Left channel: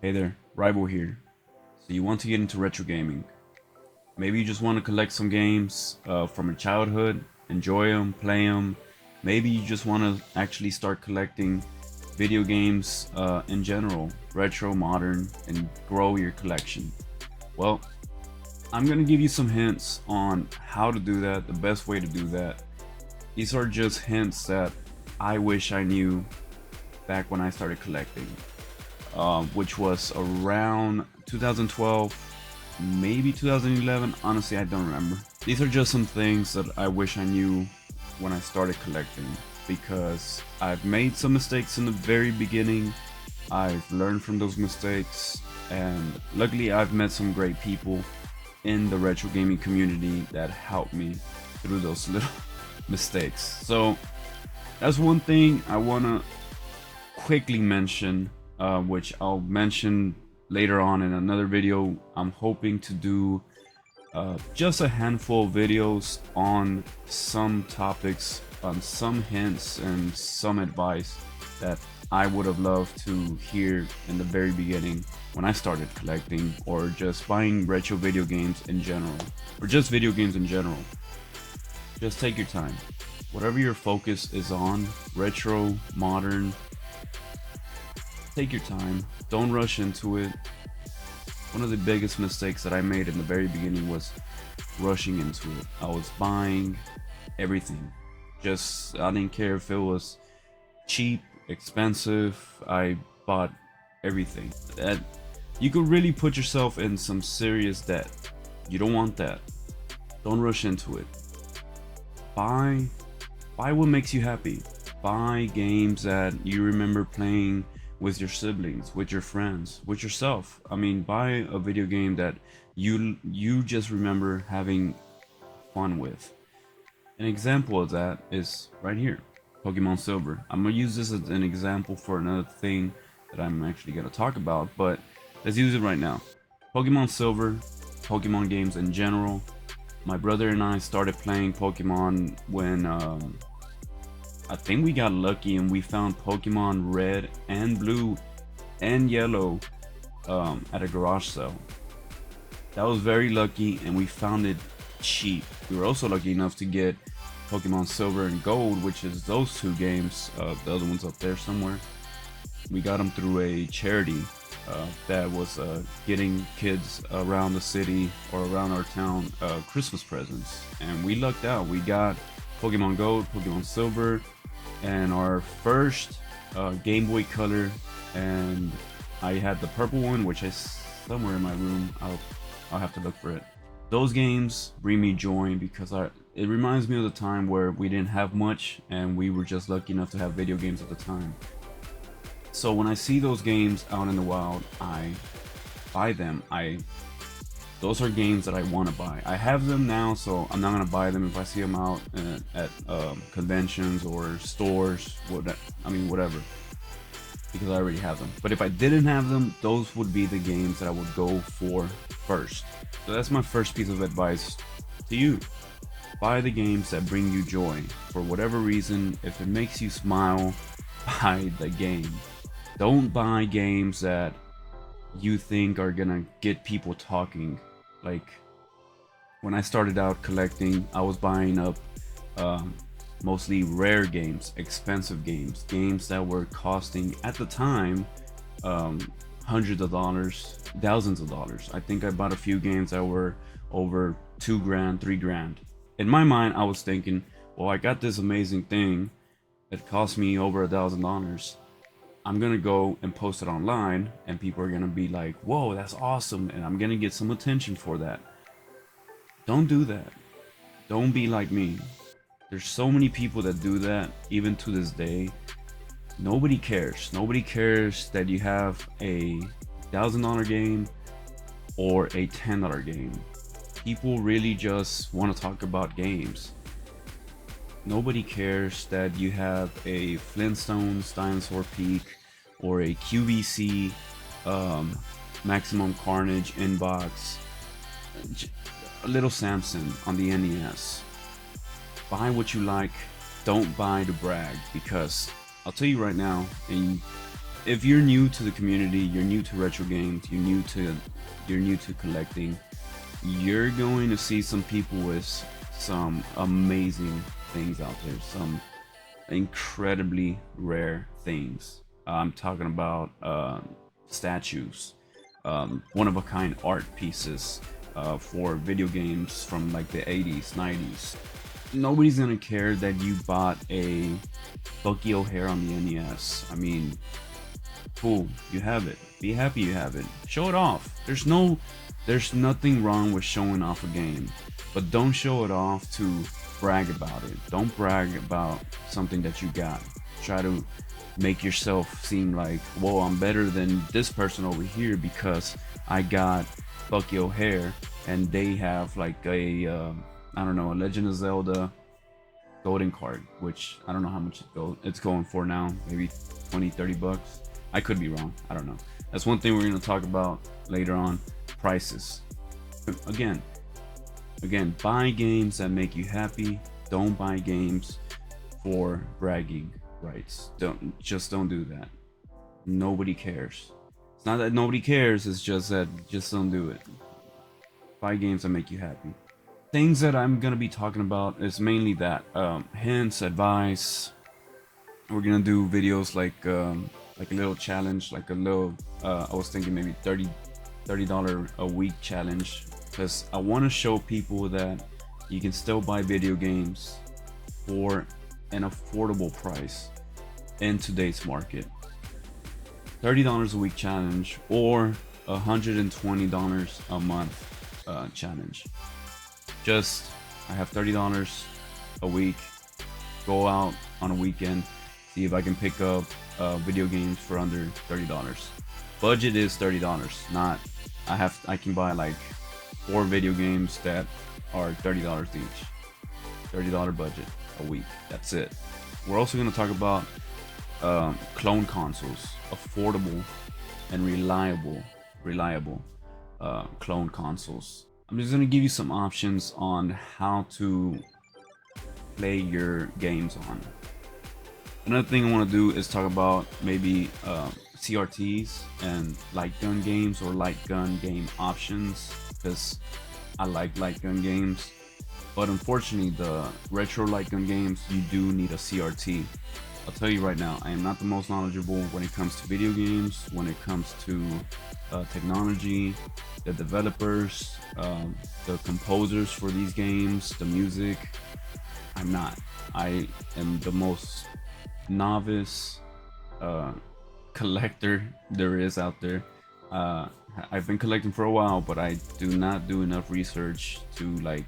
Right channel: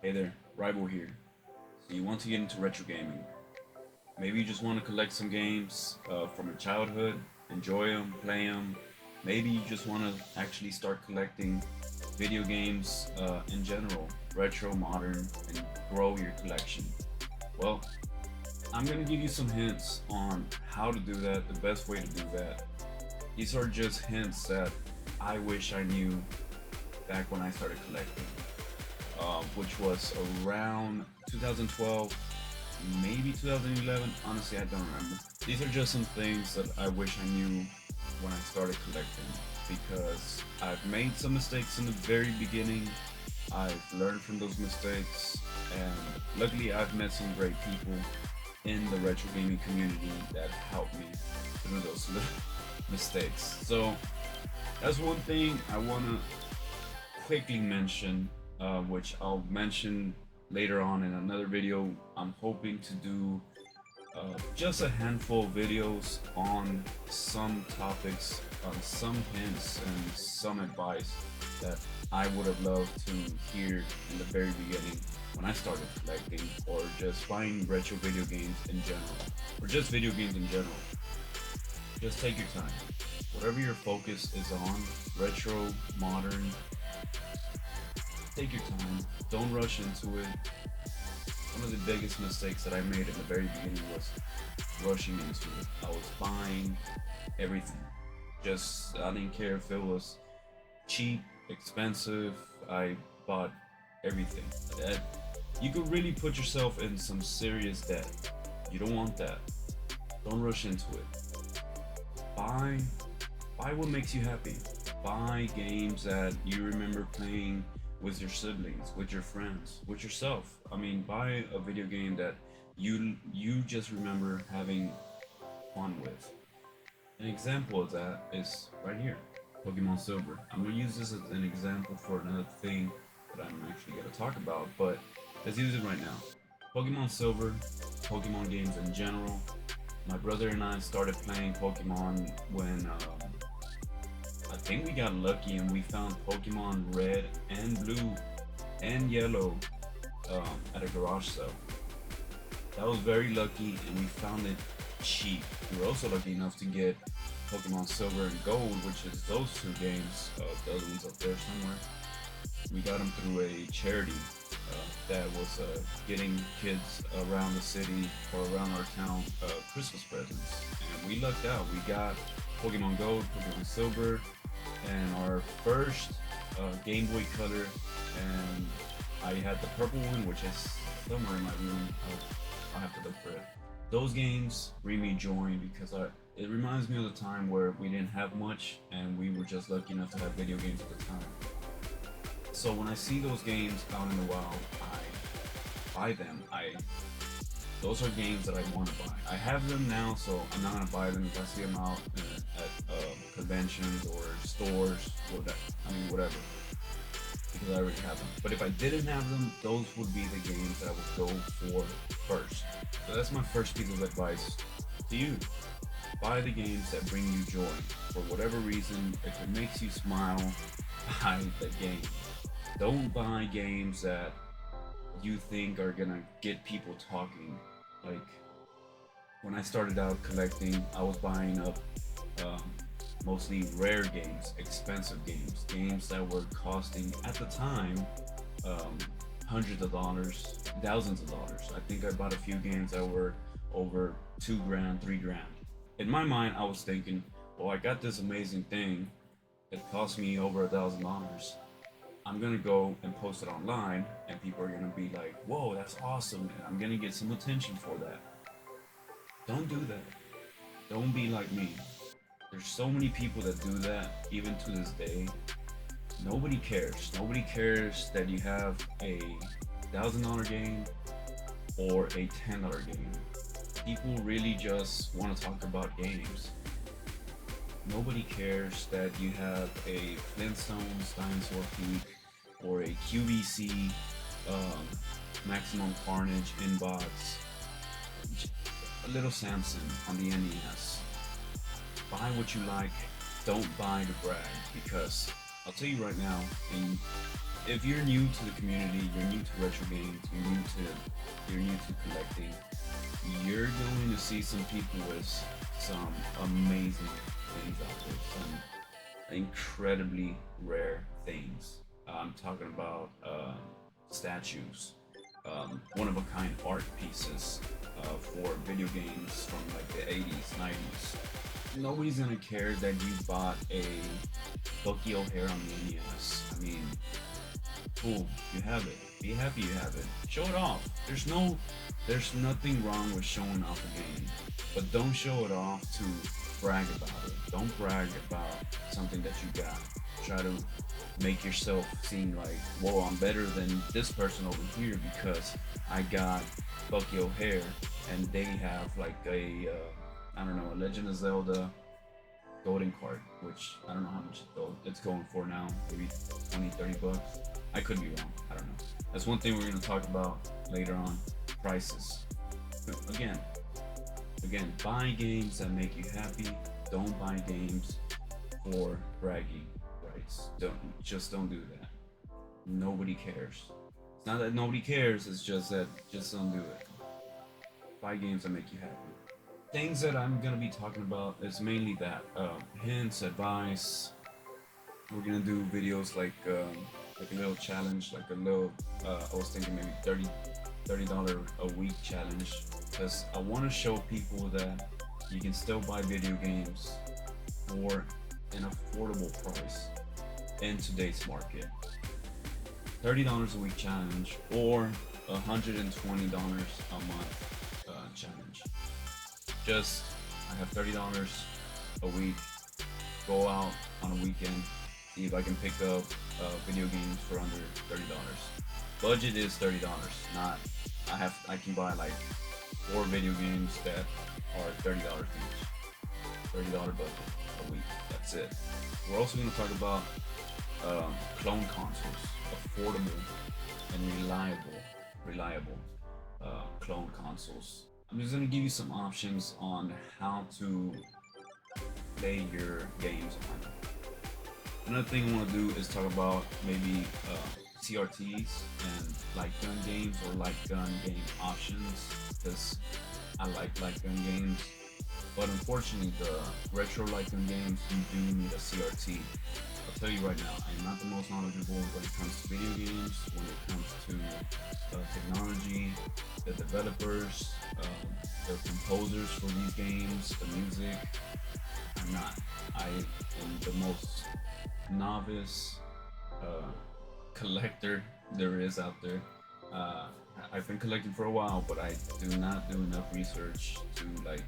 Hey there, Rival here. So you want to get into retro gaming? Maybe you just want to collect some games from your childhood, enjoy them, play them. Maybe you just want to actually start collecting video games in general, retro, modern, and grow your collection. Well, I'm gonna give you some hints on how to do that, the best way to do that. These are just hints that I wish I knew back when I started collecting. Which was around 2012, maybe 2011. Honestly, I don't remember. These are just some things that I wish I knew when I started collecting because I've made some mistakes in the very beginning. I've learned from those mistakes, and luckily, I've met some great people in the retro gaming community that helped me through those little mistakes. So, that's one thing I want to quickly mention, which I'll mention later on in another video. I'm hoping to do just a handful of videos on some topics, on some hints and some advice that I would have loved to hear in the very beginning when I started collecting or just buying retro video games in general, or just video games in general. Just take your time. Whatever your focus is on, retro, modern, take your time. Don't rush into it. One of the biggest mistakes that I made in the very beginning was rushing into it. I was buying everything. Just, I didn't care if it was cheap, expensive. I bought everything. That you could really put yourself in some serious debt. You don't want that. Don't rush into it. Buy buy what makes you happy. Buy games that you remember playing with your siblings, with your friends, with yourself. I mean, buy a video game that you just remember having fun with. An example of that is right here, Pokemon Silver. I'm gonna use this as an example for another thing that I'm actually gonna talk about, but let's use it right now. Pokemon Silver, Pokemon games in general. My brother and I started playing Pokemon when I think we got lucky and we found Pokemon Red and Blue and Yellow at a garage sale. That was very lucky, and we found it cheap. We were also lucky enough to get Pokemon Silver and Gold, which is those two games. The other one's up there somewhere. We got them through a charity that was getting kids around the city or around our town Christmas presents, and we lucked out. We got Pokemon Gold, Pokemon Silver, and our first Game Boy Color, and I had the purple one, which is somewhere in my room. I'll have to look for it. Those games bring me joy because it reminds me of the time where we didn't have much and we were just lucky enough to have video games at the time. So when I see those games out in the wild, I buy them. I Those are games that I want to buy. I have them now, so I'm not gonna buy them if I see them out at conventions or stores. Whatever, because I already have them. But if I didn't have them, those would be the games that I would go for first. So that's my first piece of advice to you. Buy the games that bring you joy. For whatever reason, if it makes you smile, buy the game. Don't buy games that you think are gonna get people talking. Like when I started out collecting, I was buying up um, mostly rare games, expensive games, games that were costing at the time um, hundreds of dollars, thousands of dollars. I think I bought a few games that were over 2 grand, 3 grand. In my mind, I was thinking, well, I got this amazing thing that cost me over $1,000. I'm gonna go and post it online, and people are gonna be like, "Whoa, that's awesome!" and I'm gonna get some attention for that. Don't do that. Don't be like me. There's so many people that do that, even to this day. Nobody cares. Nobody cares that you have a $1,000 game or a $10 game. People really just want to talk about games. Nobody cares that you have a Flintstones Dinosaur Peak or a QVC um, Maximum Carnage inbox, a little Samson on the NES. Buy what you like. Don't buy to brag, because I'll tell you right now, and if you're new to the community, you're new to retro games, you're new to collecting, you're going to see some people with some amazing things out there, some incredibly rare things. I'm talking about statues, one of a kind art pieces for video games from like the 80s, 90s. Nobody's gonna care that you bought a Bucky O'Hare on the NES. I mean, cool, you have it. Be happy you have it. Show it off. There's nothing wrong with showing off a game, but don't show it off to brag about it. Don't brag about something that you got. Try to make yourself seem like, whoa, I'm better than this person over here because I got Bucky O'Hare and they have like a I don't know, a Legend of Zelda golden card, which I don't know how much it's going for now, maybe 20-30 bucks. I could be wrong, I don't know. That's one thing we're going to talk about later on, prices. Again, buy games that make you happy. Don't buy games for bragging rights. Don't do that. Nobody cares. It's not that nobody cares, it's just that just don't do it. Buy games that make you happy. Things that I'm gonna be talking about is mainly that hints, advice. We're gonna do videos like a little challenge, like a little I was thinking maybe $30 a week challenge, because I want to show people that you can still buy video games for an affordable price in today's market. $30 a week challenge or $120 a month challenge. Just, I have $30 a week, go out on a weekend, see if I can pick up video games for under $30. Budget is $30, not, I can buy like 4 video games that are $30 each. $30 budget a week, that's it. We're also going to talk about clone consoles, affordable and reliable clone consoles. I'm just going to give you some options on how to play your games on. Another thing I want to do is talk about maybe CRTs and light gun games or light gun game options, because I like light gun games, but unfortunately the retro light gun games, you do need a CRT. I'll tell you right now, I am not the most knowledgeable when it comes to video games, when it comes to technology, the developers, the composers for these games, the music. I'm not. I am the most novice collector there is out there. I've been collecting for a while, but I do not do enough research to like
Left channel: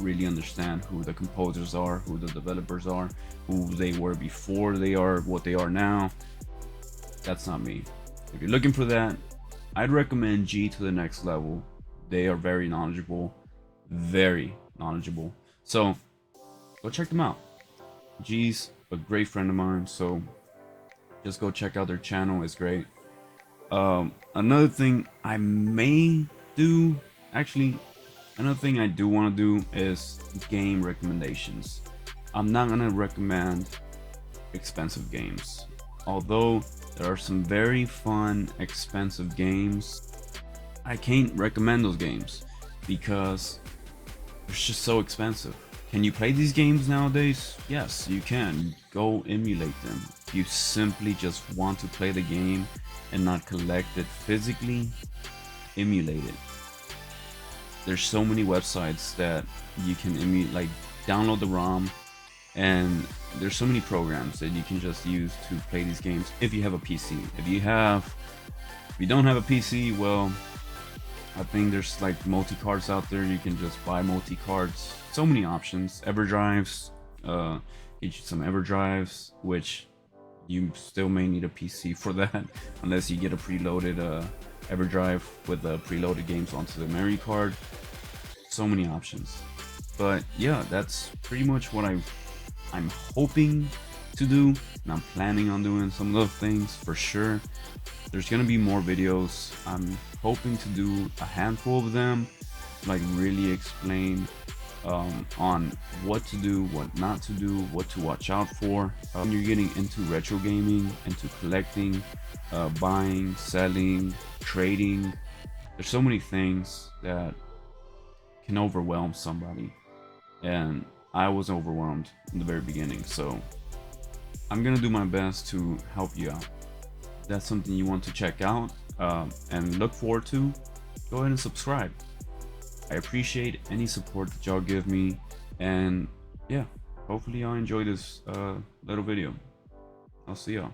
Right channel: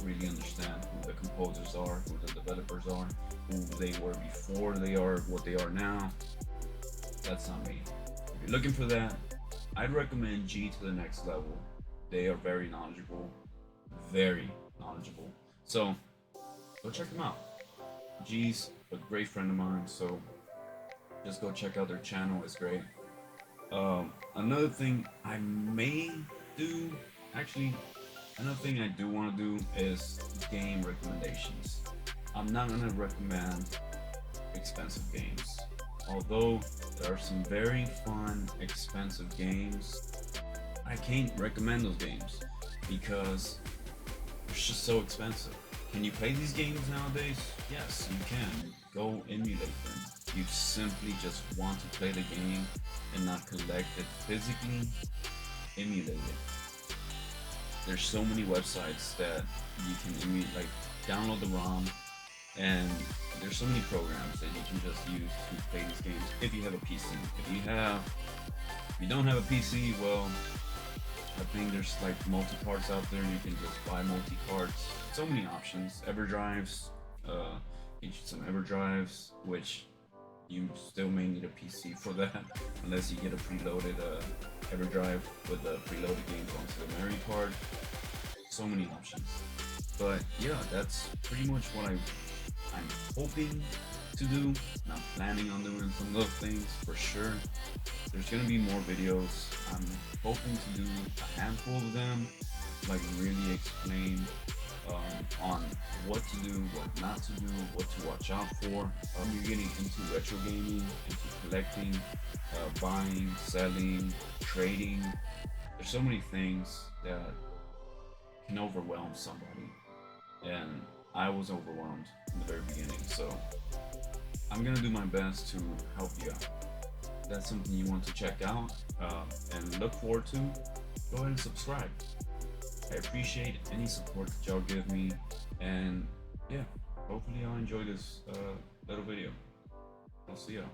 really understand who the composers are, who the developers are, who they were before they are what they are now. That's not me. If you're looking for that, I'd recommend G to the Next Level. They are very knowledgeable, so go check them out. G's a great friend of mine, so just go check out their channel, it's great. Another thing I may do, another thing I do want to do is game recommendations. I'm not gonna recommend expensive games, although there are some very fun expensive games. I can't recommend those games because it's just so expensive. Can you play these games nowadays? Yes, you can. Go emulate them. If you simply just want to play the game and not collect it physically, emulate it. There's so many websites that you can emulate, like download the ROM, and there's so many programs that you can just use to play these games if you have a PC. If you don't have a PC, well, I think there's like multi-cards out there. You can just buy multi-cards. So many options. EverDrives, get you some EverDrives, which you still may need a PC for that, unless you get a preloaded EverDrive with the preloaded games onto the memory card. So many options. But yeah, that's pretty much what I'm hoping to do, and I'm planning on doing some of those things for sure. There's gonna be more videos. I'm hoping to do a handful of them, like really explain on what to do, what not to do, what to watch out for. When you're getting into retro gaming, into collecting, buying, selling, trading, there's so many things that can overwhelm somebody. And I was overwhelmed in the very beginning. So I'm gonna do my best to help you out. If that's something you want to check out and look forward to, go ahead and subscribe. I appreciate any support that y'all give me, and yeah, hopefully y'all enjoy this little video. I'll see y'all.